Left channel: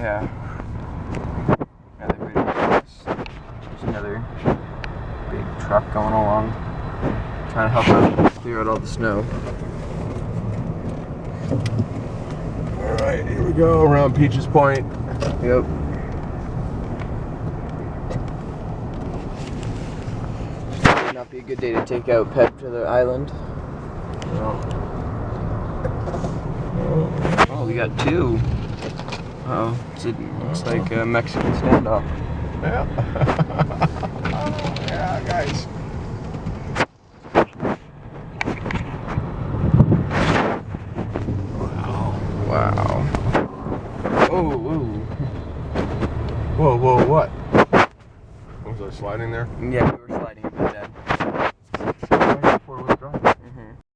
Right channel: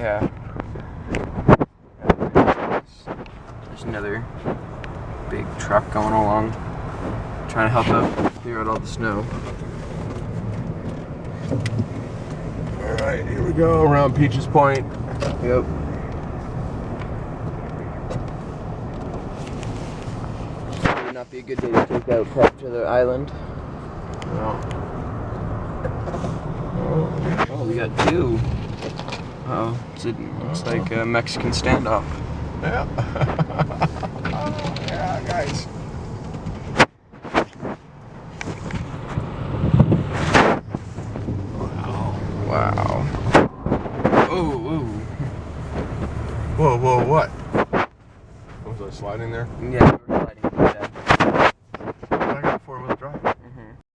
Yeah. There's another big truck going along, trying to help out clear out all the snow. All right, here we go around Peaches Point. Yep. Would not be a good day to take out Pep to the island. No. Oh, we got two. Oh, it's like a Mexican standoff. Yeah. Oh, yeah, guys. Wow. Oh, whoa. Whoa, what? Was I sliding there? Yeah.